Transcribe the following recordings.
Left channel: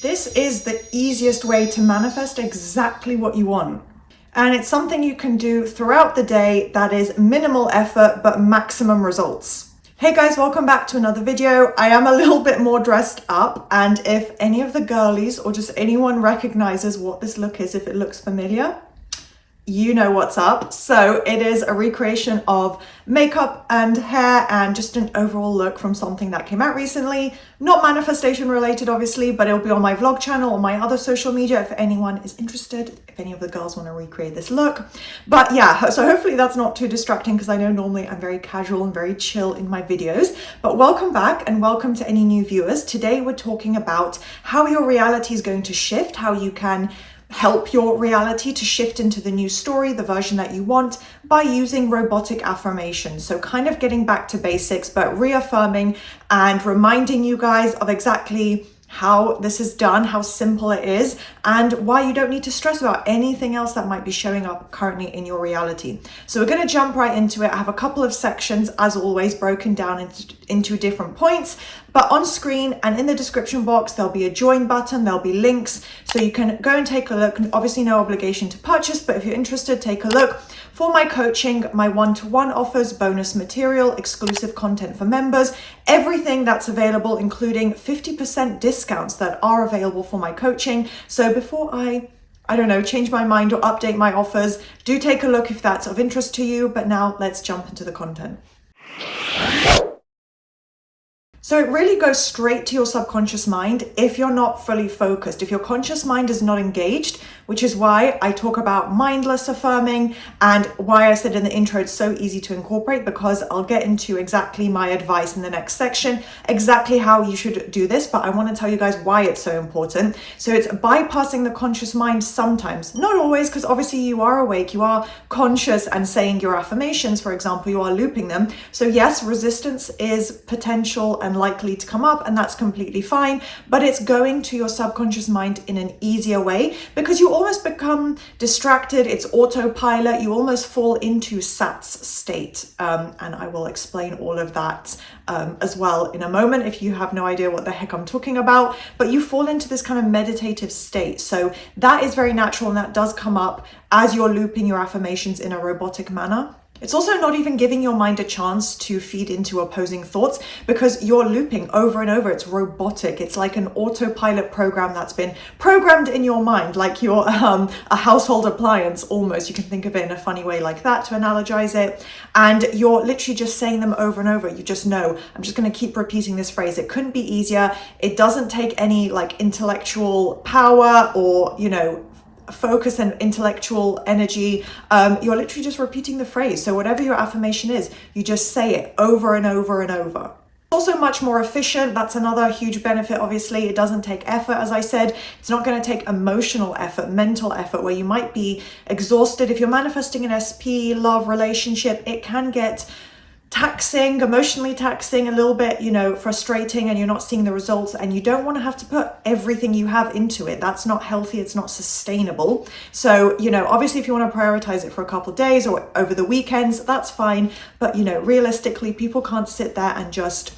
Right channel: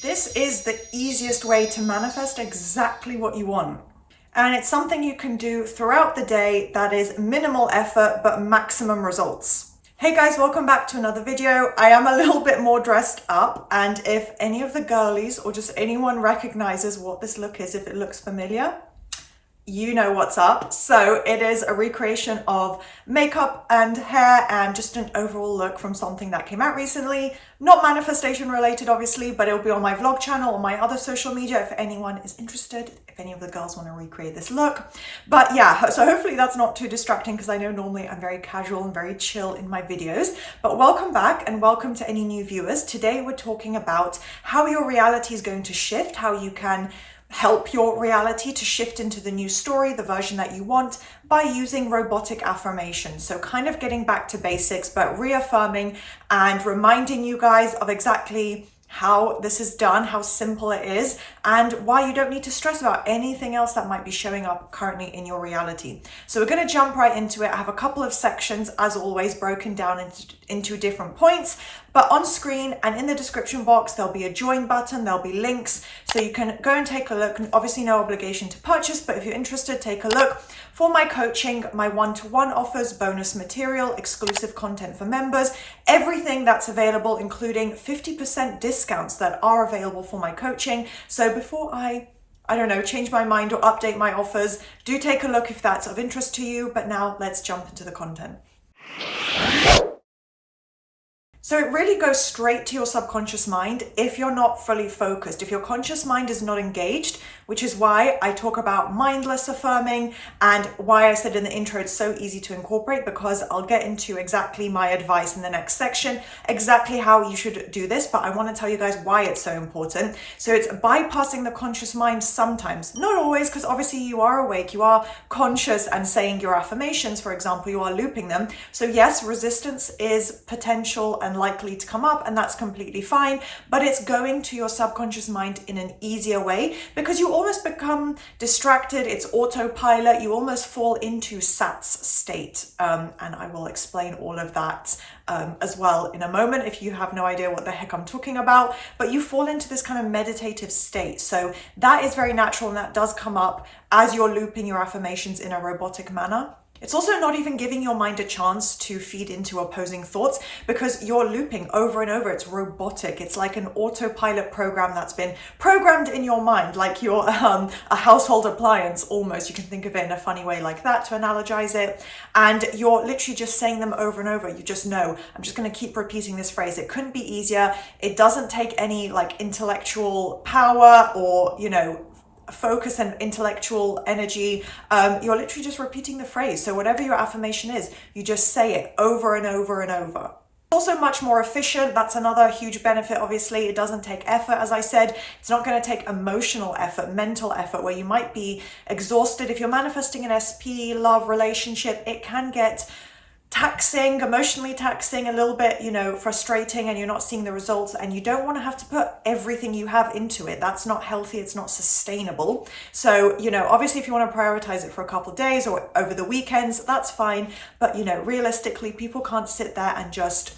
This is the easiest way to manifest exactly what you want. And it's something you can do throughout the day that is minimal effort, but maximum results. Hey guys, welcome back to another video. I am a little bit more dressed up, and if any of the girlies or just anyone recognizes what this look is, if it looks familiar, you know what's up. So it is a recreation of makeup and hair and just an overall look from something that came out recently. Not manifestation related, obviously, but it'll be on my vlog channel or my other social media if anyone is interested, if any of the girls want to recreate this look. But yeah, so hopefully that's not too distracting because I know normally I'm very casual and very chill in my videos. But welcome back and welcome to any new viewers. Today we're talking about how your reality is going to shift, how you can help your reality to shift into the new story, the version that you want, by using robotic affirmations. So kind of getting back to basics, but reaffirming and reminding you guys of exactly how this is done, how simple it is, and why you don't need to stress about anything else that might be showing up currently in your reality. So we're going to jump right into it. I have a couple of sections, as always, broken down into different points. But on screen and in the description box, there'll be a join button, there'll be links, so you can go and take a look. Obviously, no obligation to purchase, but if you're interested, take a look. For my coaching, my one-to-one offers, bonus material, exclusive content for members, everything that's available, including 50% discounts that are available for my coaching. So before I don't know, change my mind or update my offers, do take a look if that's of interest to you. But now let's jump into the content. So it really goes straight to your subconscious mind if you're not fully focused, if your conscious mind is not engaged, which is why I talk about mindless affirming and why I said in the intro it's so easy to incorporate, because I'll get into exactly my advice in the next section, exactly how you should do this, but I want to tell you guys why it's so important. So it's bypassing the conscious mind sometimes, not always, because obviously you are awake, you are conscious and saying your affirmations, for example, you are looping them. So yes, resistance is potential and likely to come up, and that's completely fine, but it's going to your subconscious mind in an easier way because you almost become distracted. It's autopilot. You almost fall into SATS state, and I will explain all of that as well in a moment if you have no idea what the heck I'm talking about. But you fall into this kind of meditative state, so that is very natural, and that does come up as you're looping your affirmations in a robotic manner. It's also not even giving your mind a chance to feed into opposing thoughts because you're looping over and over. It's robotic. It's like an autopilot program that's been programmed in your mind, like you're a household appliance almost. You can think of it in a funny way like that to analogize it. And you're literally just saying them over and over. You just know, I'm just going to keep repeating this phrase. It couldn't be easier. It doesn't take any like intellectual power or, you know, focus and intellectual energy. You're literally just repeating the phrase. So whatever your affirmation is, you just say it over and over and over. Also much more efficient. That's another huge benefit. Obviously, it doesn't take effort. As I said, it's not going to take emotional effort, mental effort, where you might be exhausted. If you're manifesting an SP, love, relationship, it can get taxing, emotionally taxing, a little bit, you know, frustrating, and you're not seeing the results, and you don't want to have to put everything you have into it. That's not healthy. It's not sustainable. So, you know, obviously if you want to prioritize it for a couple of days or over the weekends, that's fine. But, you know, realistically, people can't sit there and just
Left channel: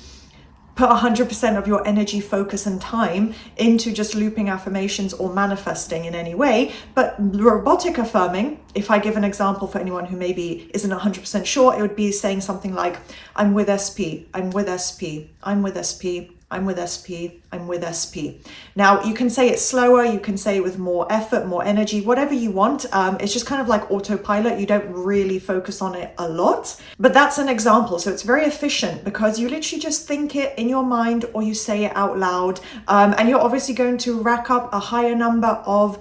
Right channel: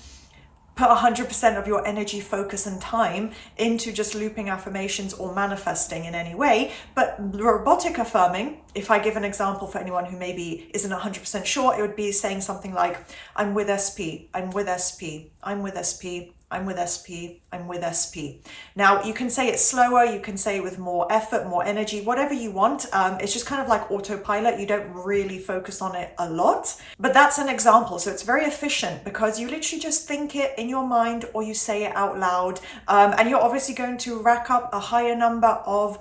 put 100% of your energy, focus, and time into just looping affirmations or manifesting in any way. But robotic affirming, if I give an example for anyone who maybe isn't 100% sure, it would be saying something like, I'm with SP, I'm with SP, I'm with SP, I'm with SP, I'm with SP. Now, you can say it slower, you can say it with more effort, more energy, whatever you want. It's just kind of like autopilot. You don't really focus on it a lot, but that's an example. So it's very efficient because you literally just think it in your mind or you say it out loud. And you're obviously going to rack up a higher number of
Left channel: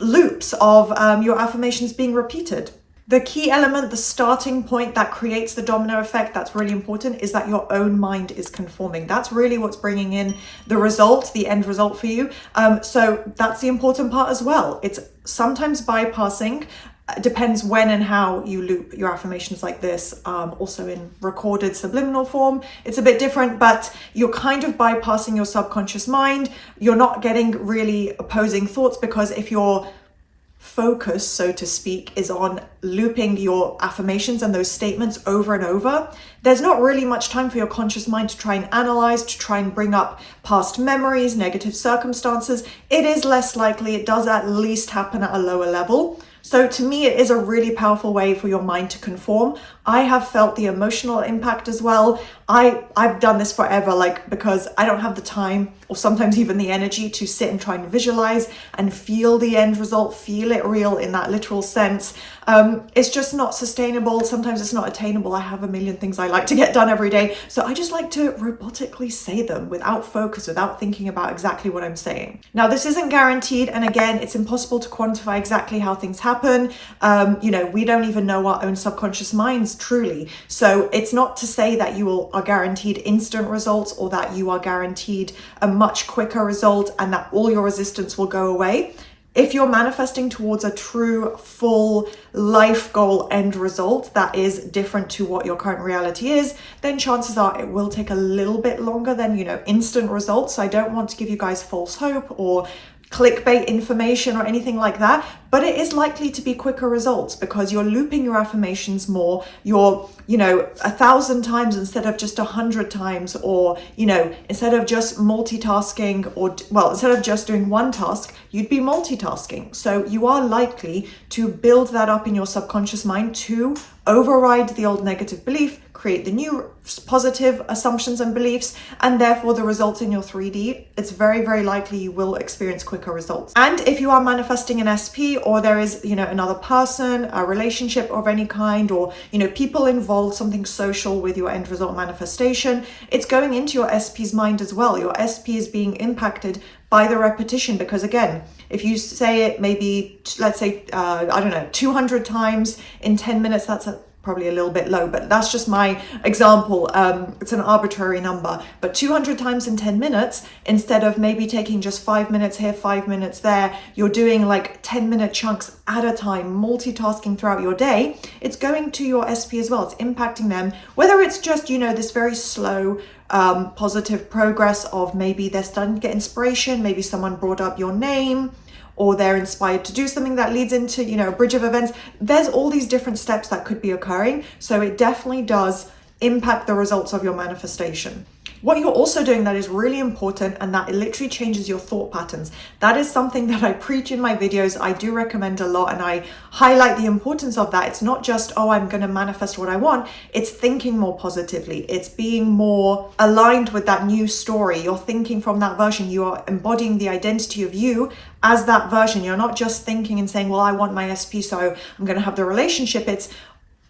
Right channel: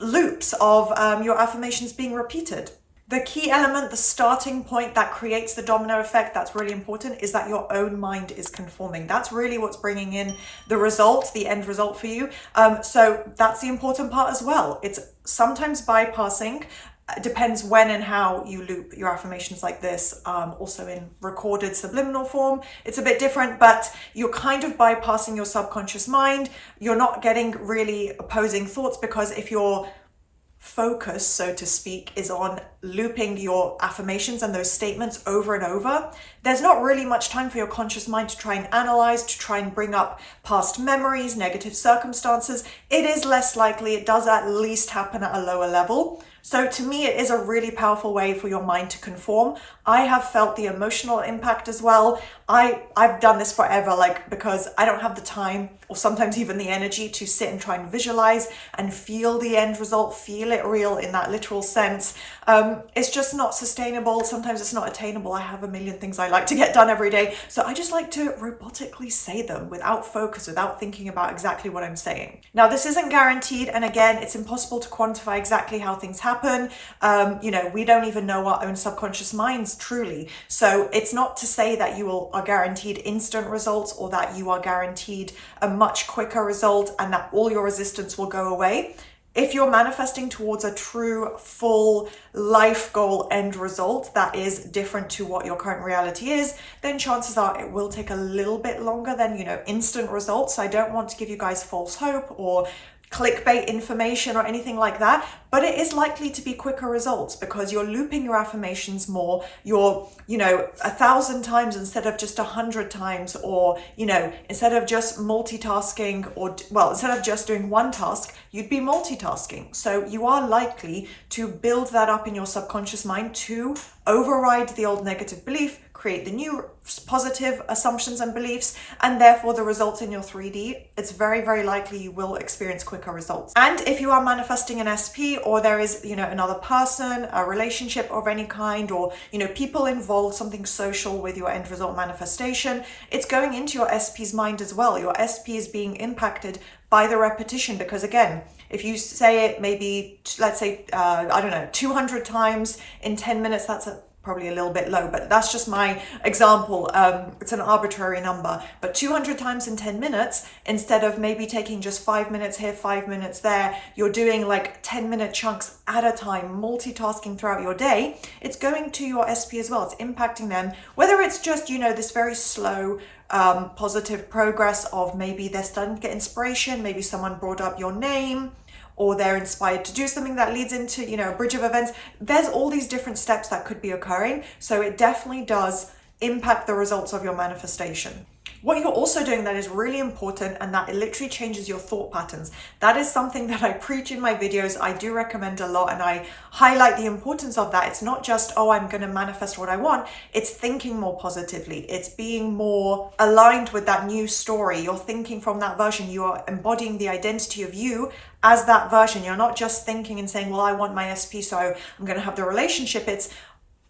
loops of your affirmations being repeated. The key element, the starting point that creates the domino effect, that's really important, is that your own mind is conforming. That's really what's bringing in the result, the end result for you. So that's the important part as well. It's sometimes bypassing, depends when and how you loop your affirmations like this. Also in recorded subliminal form, it's a bit different, but you're kind of bypassing your subconscious mind. You're not getting really opposing thoughts because if you're focus, so to speak, is on looping your affirmations and those statements over and over, there's not really much time for your conscious mind to try and analyze, to try and bring up past memories, negative circumstances. It is less likely. It does at least happen at a lower level. So to me, it is a really powerful way for your mind to conform. I have felt the emotional impact as well. I've done this forever, because I don't have the time or sometimes even the energy to sit and try and visualize and feel the end result, feel it real in that literal sense. It's just not sustainable. Sometimes it's not attainable. I have a million things I like to get done every day. So I just like to robotically say them without focus, without thinking about exactly what I'm saying. Now, this isn't guaranteed. And again, it's impossible to quantify exactly how things happen. We don't even know our own subconscious minds truly. So it's not to say that you are guaranteed instant results or that you are guaranteed a much quicker result and that all your resistance will go away. If you're manifesting towards a true, full life goal end result that is different to what your current reality is, then chances are it will take a little bit longer than, instant results. I don't want to give you guys false hope or clickbait information or anything like that, but it is likely to be quicker results because you're looping your affirmations more. You're 1,000 times instead of just 100 times, or instead of just multitasking, or instead of just doing one task, you'd be multitasking. So you are likely to build that up in your subconscious mind to override the old negative belief, create the new positive assumptions and beliefs, and therefore the results in your 3D, it's very, very likely you will experience quicker results. And if you are manifesting an SP, or there is, another person, a relationship of any kind, or, people involved, something social with your end result manifestation, it's going into your SP's mind as well. Your SP is being impacted by the repetition, because again, if you say it maybe, let's say, 200 times in 10 minutes, that's probably a little bit low, but that's just my example. It's an arbitrary number, but 200 times in 10 minutes, instead of maybe taking just 5 minutes here, 5 minutes there, you're doing 10-minute chunks at a time, multitasking throughout your day. It's going to your SP as well. It's impacting them, whether it's just, this very slow, positive progress of maybe they're starting to get inspiration, maybe someone brought up your name, or they're inspired to do something that leads into, a bridge of events. There's all these different steps that could be occurring. So it definitely does impact the results of your manifestation. What you're also doing that is really important, and that it literally changes your thought patterns. That is something that I preach in my videos. I do recommend a lot, and I highlight the importance of that. It's not just, I'm going to manifest what I want. It's thinking more positively. It's being more aligned with that new story. You're thinking from that version. You are embodying the identity of you as that version. You're not just thinking and saying, I want my SP, so I'm going to have the relationship. It's,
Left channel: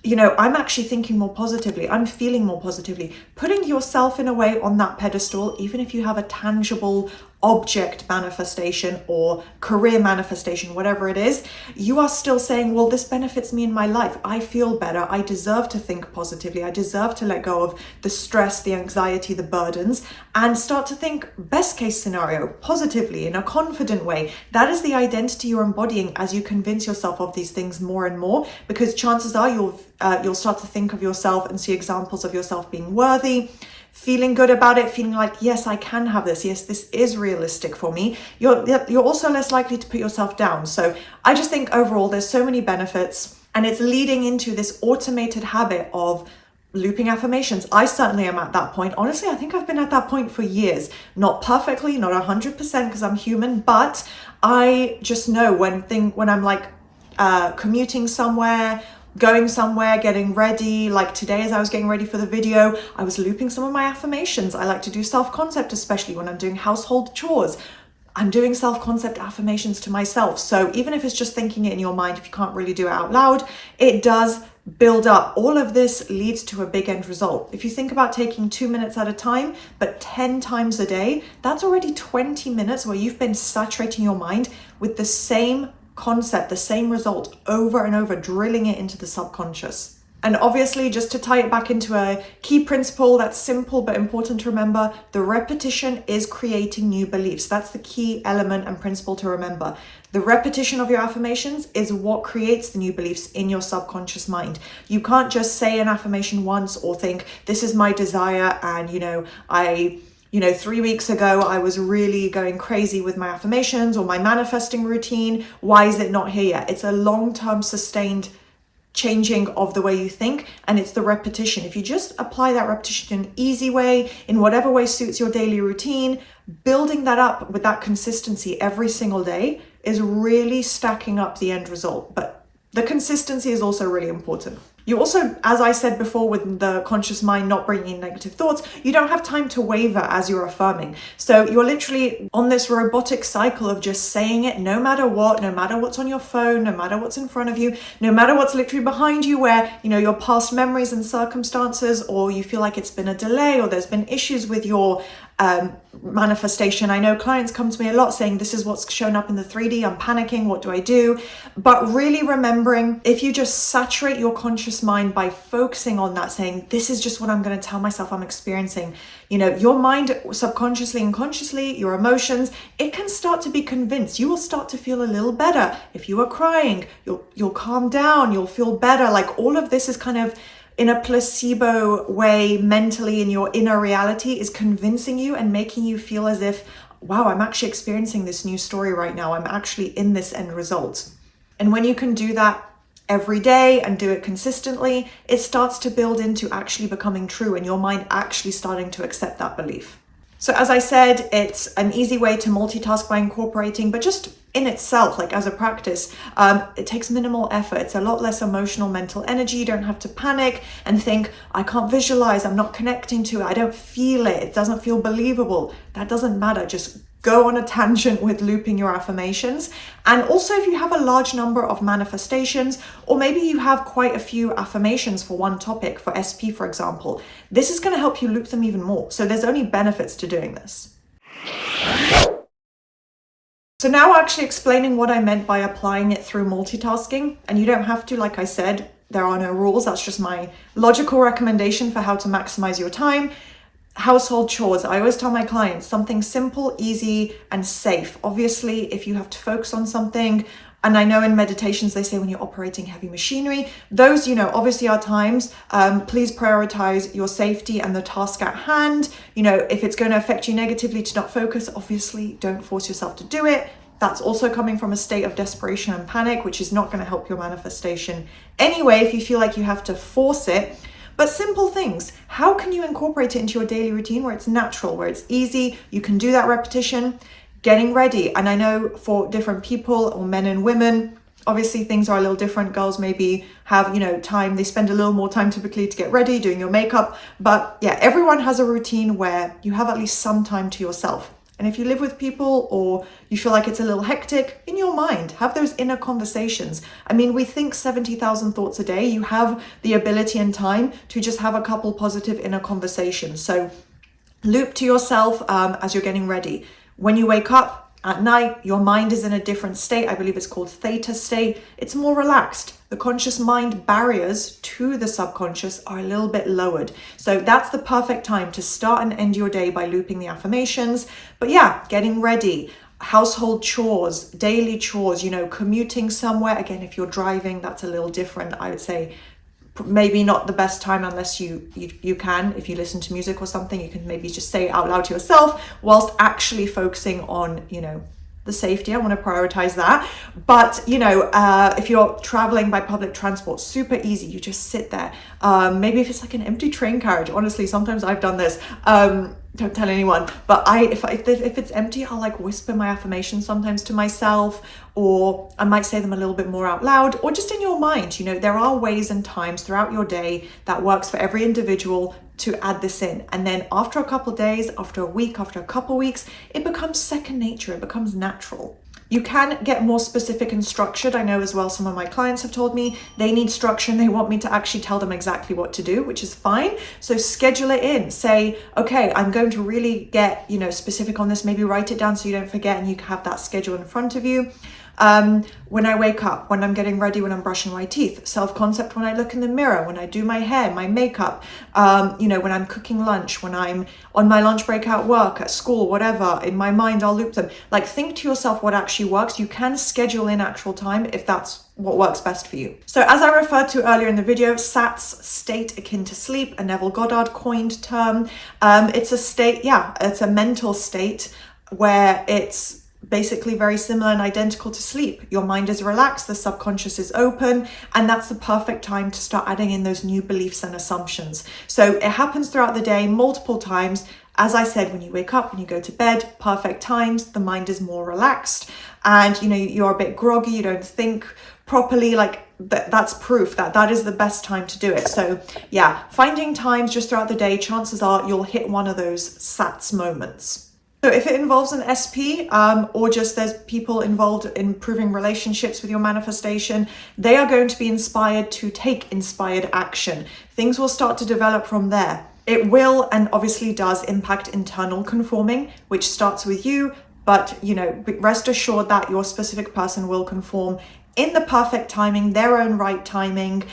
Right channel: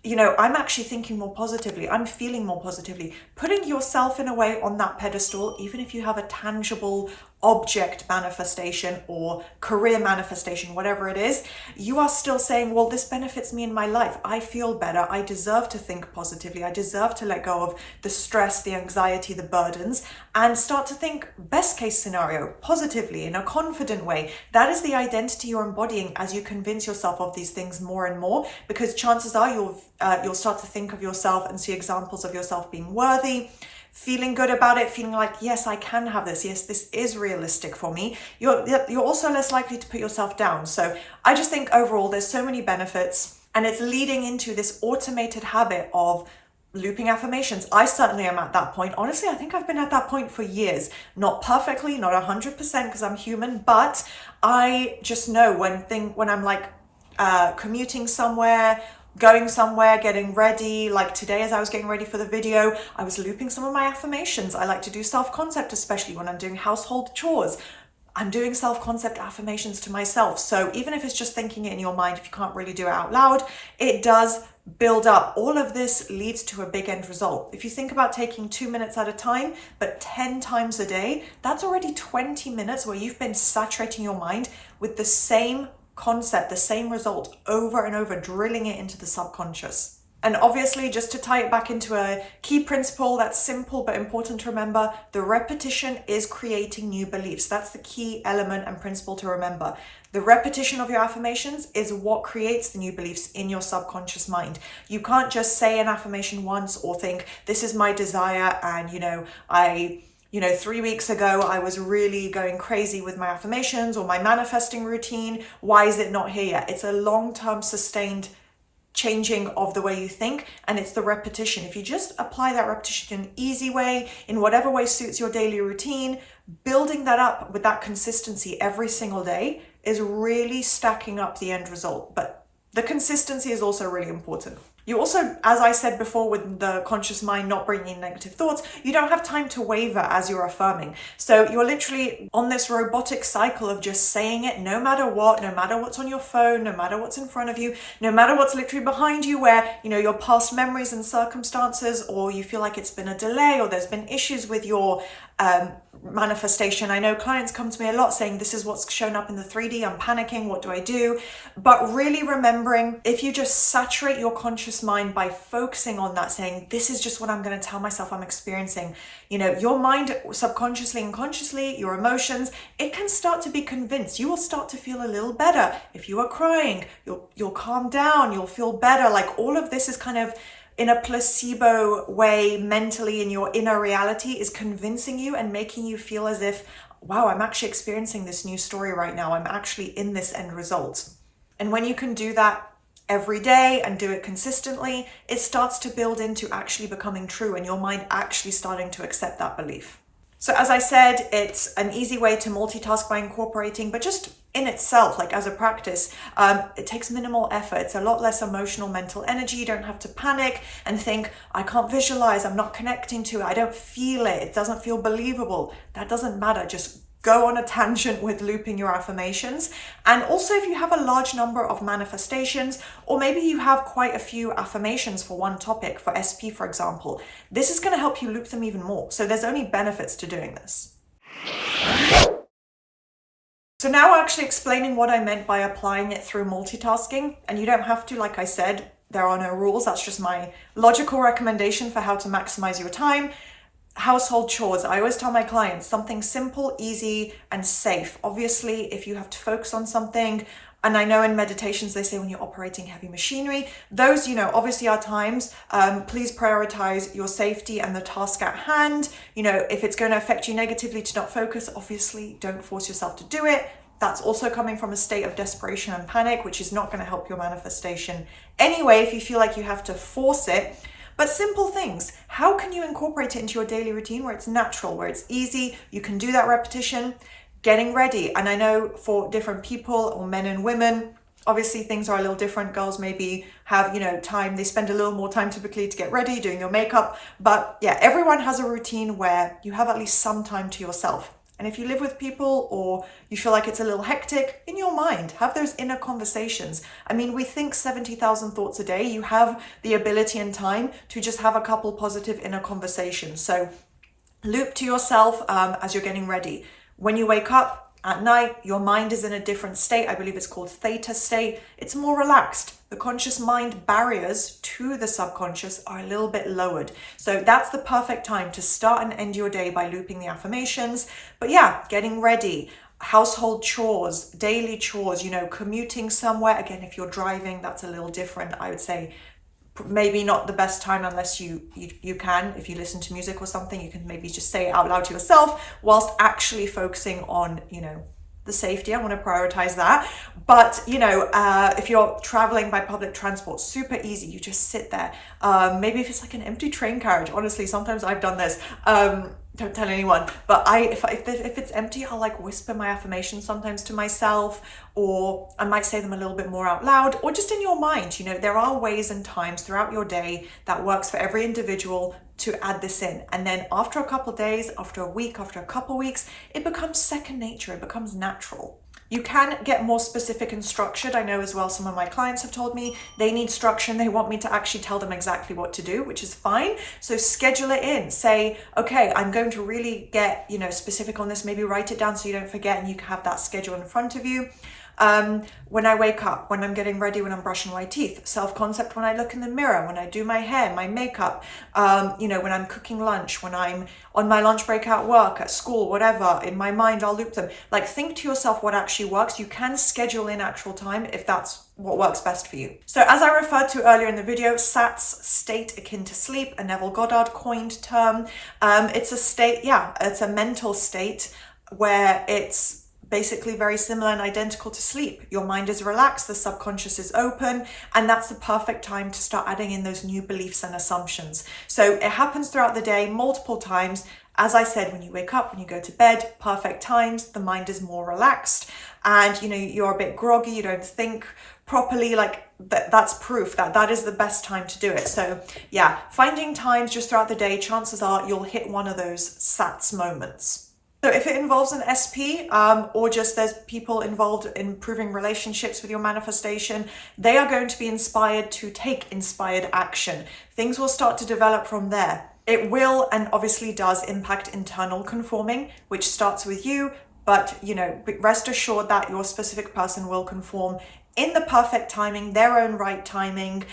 I'm actually thinking more positively. I'm feeling more positively. Putting yourself in a way on that pedestal, even if you have a tangible object manifestation or career manifestation, whatever it is, you are still saying, this benefits me in my life. I feel better. I deserve to think positively. I deserve to let go of the stress, the anxiety, the burdens, and start to think best case scenario, positively, in a confident way. That is the identity you're embodying as you convince yourself of these things more and more, because chances are you'll start to think of yourself and see examples of yourself being worthy, feeling good about it, feeling like, yes, I can have this. Yes, this is realistic for me. You're also less likely to put yourself down. So I just think overall, there's so many benefits, and it's leading into this automated habit of looping affirmations. I certainly am at that point. Honestly, I think I've been at that point for years. Not perfectly, not 100%, because I'm human, but I just know when I'm commuting somewhere, going somewhere, getting ready, like today as I was getting ready for the video, I was looping some of my affirmations. I like to do self-concept, especially when I'm doing household chores. I'm doing self-concept affirmations to myself. So even if it's just thinking it in your mind, if you can't really do it out loud, it does build up. All of this leads to a big end result. If you think about taking 2 minutes at a time, but 10 times a day, that's already 20 minutes where you've been saturating your mind with the same concept, the same result over and over, drilling it into the subconscious. And obviously, just to tie it back into a key principle that's simple but important to remember, the repetition is creating new beliefs. That's the key element and principle to remember. The repetition of your affirmations is what creates the new beliefs in your subconscious mind. You can't just say an affirmation once or think, this is my desire, and I 3 weeks ago, I was really going crazy with my affirmations or my manifesting routine. Why is it not here yet? It's a long-term sustained changing of the way you think, and it's the repetition. If you just apply that repetition in an easy way, in whatever way suits your daily routine, building that up with that consistency every single day is really stacking up the end result. But the consistency is also really important. You also, as I said before, with the conscious mind not bringing in negative thoughts, you don't have time to waver as you're affirming. So you're literally on this robotic cycle of just saying it no matter what, no matter what's on your phone, no matter what's in front of you, no matter what's literally behind you, where, your past memories and circumstances, or you feel like it's been a delay or there's been issues with your manifestation. I know clients come to me a lot saying, this is what's shown up in the 3D, I'm panicking, what do I do? But really remembering, if you just saturate your conscious mind by focusing on that, saying, this is just what I'm going to tell myself I'm experiencing, your mind subconsciously and consciously, your emotions, it can start to be convinced. You will start to feel a little better. If you are crying, you'll calm down, you'll feel better. Like, all of this is kind of in a placebo way mentally in your inner reality, is convincing you and making you feel as if, wow, I'm actually experiencing this new story right now. I'm actually in this end result. And when you can do that every day and do it consistently, it starts to build into actually becoming true, and your mind actually starting to accept that belief. So as I said, it's an easy way to multitask by incorporating, but just in itself, like as a practice, it takes minimal effort. It's a lot less emotional, mental energy. You don't have to panic and think, I can't visualize, I'm not connecting to it, I don't feel it, it doesn't feel believable. That doesn't matter. Just go on a tangent with looping your affirmations. And also, if you have a large number of manifestations, or maybe you have quite a few affirmations for one topic, for SP, for example, this is going to help you loop them even more. So there's only benefits to doing this. So now actually explaining what I meant by applying it through multitasking. And you don't have to, like I said, there are no rules. That's just my logical recommendation for how to maximize your time. Household chores. I always tell my clients something simple, easy, and safe. Obviously, if you have to focus on something, and I know in meditations they say when you're operating heavy machinery, those, obviously are times, please prioritize your safety and the task at hand. If it's going to affect you negatively to not focus, obviously don't force yourself to do it. That's also coming from a state of desperation and panic, which is not going to help your manifestation anyway if you feel like you have to force it. But simple things, how can you incorporate it into your daily routine where it's natural, where it's easy, you can do that repetition? Getting ready. And I know for different people, or men and women, obviously things are a little different. Girls maybe have, time, they spend a little more time typically to get ready, doing your makeup. But yeah, everyone has a routine where you have at least some time to yourself. And if you live with people, or you feel like it's a little hectic, in your mind, have those inner conversations. I mean, we think 70,000 thoughts a day. You have the ability and time to just have a couple positive inner conversations. So loop to yourself as you're getting ready. When you wake up at night, your mind is in a different state. I believe it's called theta state. It's more relaxed. The conscious mind barriers to the subconscious are a little bit lowered. So that's the perfect time to start and end your day by looping the affirmations. But yeah, getting ready, household chores, daily chores, commuting somewhere. Again, if you're driving, that's a little different. I would say maybe not the best time unless you can. If you listen to music or something, you can maybe just say it out loud to yourself whilst actually focusing on, the safety. I want to prioritize that. But, if you're traveling by public transport, super easy. You just sit there. Maybe if it's like an empty train carriage, honestly, sometimes I've done this. Don't tell anyone, but if it's empty, I'll like whisper my affirmations sometimes to myself, or I might say them a little bit more out loud, or just in your mind. There are ways and times throughout your day that works for every individual to add this in. And then after a couple of days, after a week, after a couple of weeks, it becomes second nature. It becomes natural. You can get more specific and structured. I know as well, some of my clients have told me they need structure and they want me to actually tell them exactly what to do, which is fine. So schedule it in. Say, okay, I'm going to really get, specific on this. Maybe write it down so you don't forget and you have that schedule in front of you. When I wake up, when I'm getting ready, when I'm brushing my teeth, self-concept when I look in the mirror, when I do my hair, my makeup, when I'm cooking lunch, when I'm on my lunch break at work, at school, whatever, in my mind, I'll loop them. Like, think to yourself what actually works. You can schedule in actual time if that's what works best for you. So as I referred to earlier in the video, SATS, state akin to sleep, a Neville Goddard coined term. It's a state, it's a mental state where it's basically very similar and identical to sleep. Your mind is relaxed, the subconscious is open, and that's the perfect time to start adding in those new beliefs and assumptions. So it happens throughout the day, multiple times. As I said, when you wake up, when you go to bed, perfect times, the mind is more relaxed, and you're a bit groggy, you don't think properly. Like that's proof that that is the best time to do it. So yeah, finding times just throughout the day, chances are you'll hit one of those SATS moments. So if it involves an SP or just there's people involved in improving relationships with your manifestation, they are going to be inspired to take inspired action. Things will start to develop from there. It will and obviously does impact internal conforming, which starts with you, but rest assured that your specific person will conform in the perfect timing, their own right timing,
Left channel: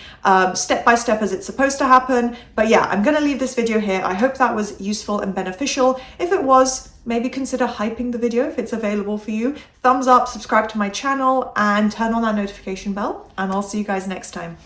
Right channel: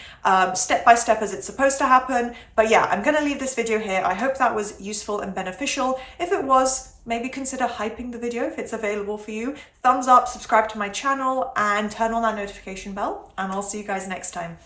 step by step as it's supposed to happen. But yeah, I'm gonna leave this video here. I hope that was useful and beneficial. If it was, maybe consider hyping the video if it's available for you. Thumbs up, subscribe to my channel, and turn on that notification bell, and I'll see you guys next time.